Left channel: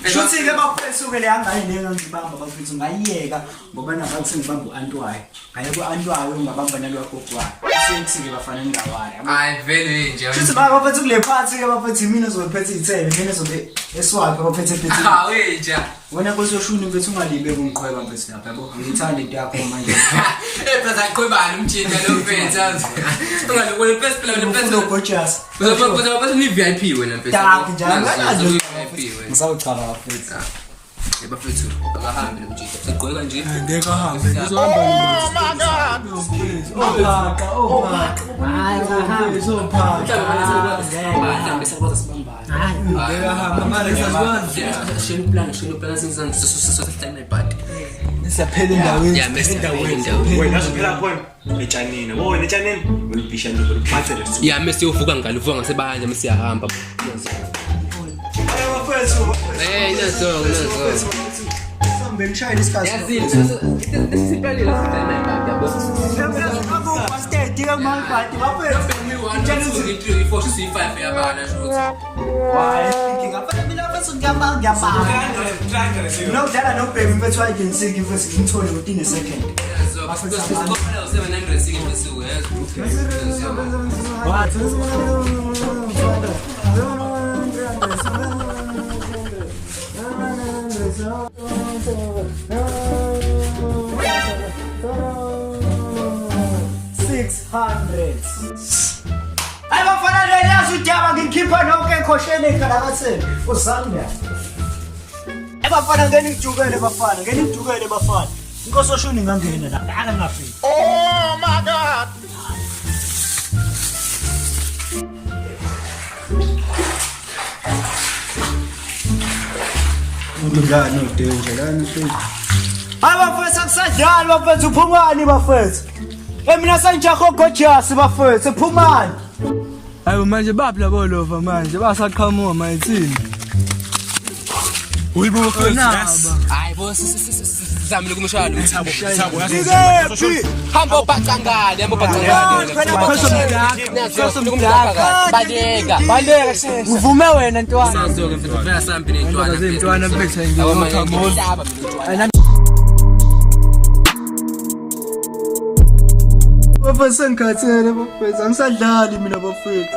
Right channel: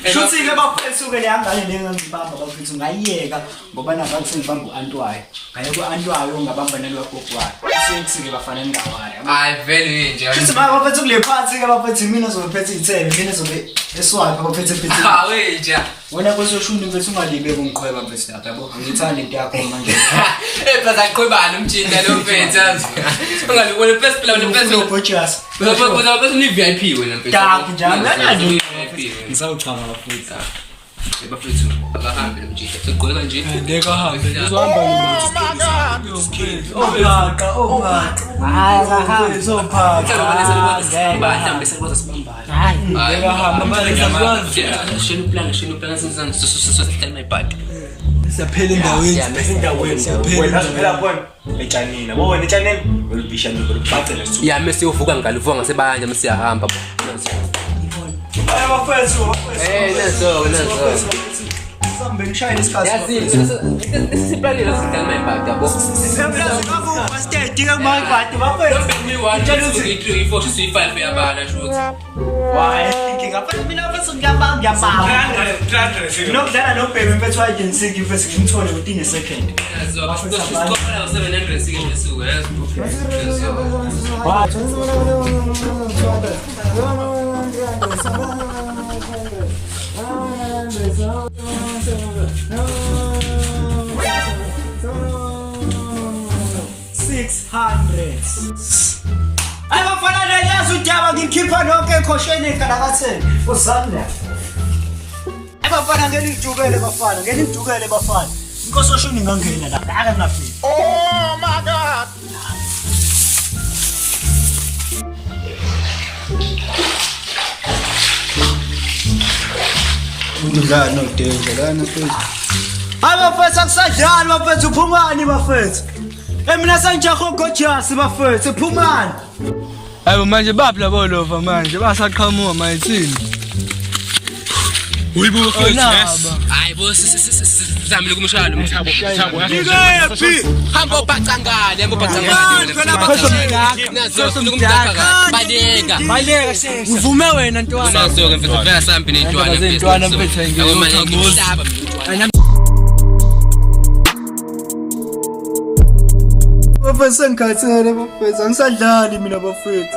Shuthi ke bafethu ke le angane lengangibamba bafethu ngayiyeka ngoba nabantu sengibamba uAntwayo. Ngaye kuAntwayo ngabamba nalwagogwayo. Sengike bafana ngawaya. Hayi vele nje. Shuthi bafethu kule phansi ke bafethu mina zobephethe ithebe mina zobe eswapha bafethe phethe. Ha weja. Wena kwesoshuni mfethu ungalibe kungiqhweba mfethu lapha yabo. Ngithanda into yakho manje. Phela aqhwebana umjinda lo mfethu azi. Ungalibona first plan le first lo gorgeous. Uzoba bese ni VIP wena mfethu. Tak njalo. VIP. Ngisawuchama bafethu. Bafethu abahambe umjinda. Sigqoka nje. Ngeke ahambe. Uzohamba Ophaka. Hayi akahambe Uzophaka. Mhlawumbe sekwazi sibambana. Hayi. Ngeke ahambe manje ngiyakwazi. Shenu plan senzani sosihlela mayibhadi. Siyaphela endaweni. Wena phela khona etshanini. Wona etshanini ulibishana uliphathe leso. Ya mase uvuka ngalivuka ngasebanje mase siyahamba. Hayi bafethu. Nazo. Sambe ngishayile isikhathi. Sipalile sihlela mayibhadi yabo. Semplazi kabu basket ke mayibhadi bafethu. Ni 1 2 3 4 5 yabana shothi. Hayi ngingafana mina bafethu ngiyabanga. Nokudlala nobhebe mfethu agency mfethu ngimthole within a second. Siqola 700 sikhesuku yazi. Ay bafana leyazi udaba ngikhipha nonke ekhosheni ekanakatheni uzamla. Bafana ngenijukele bafana. Inkosi oshuni ngangena la aka ngafika. Oh my God. Ungidlala no danger lana mfethu. Hayi bafethu akusadlali bafethu uphumani bafethu. Mina sanjaho gorgeous bafethu uphumani. Hayi manje baphi bolova manje basaqhamuka mayithini. Uyibo Yes. hayi bo sizamile kumshalo Thabo hamba ubhacangane baleka sheshe Uvume wena ntwana. nazo ke mfethu vela sambi nentwana Ntwana mfethu ngiyothamuza. Bafethu sengikhathele bafethu angisadlali mina bafethu.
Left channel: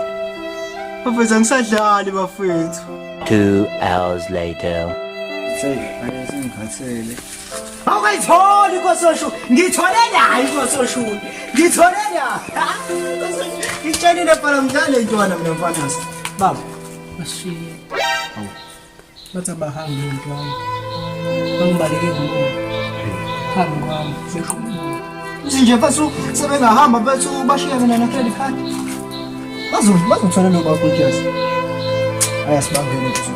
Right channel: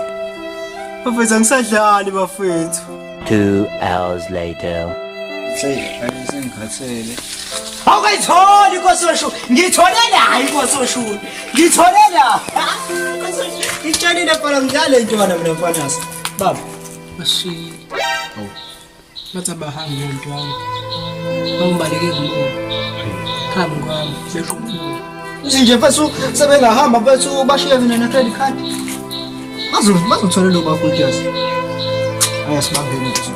Bafethu angisadlali bafethu. 2 hours later. Sengikhathele. Awayitholi inkososhu. Ngithole la inkososhu. Ngithole la. Ngitshanile phela ngidlale intwana mina mfanasi. Baba. Bashi. Bathi abahambe ntwana. Bawubaleke ngoku. Hamba besho. Nje mfethu sebengahamba mfethu bashiye mina na credit card. Bazothola lo baba gorgeous. Ayasibambele inkososhu.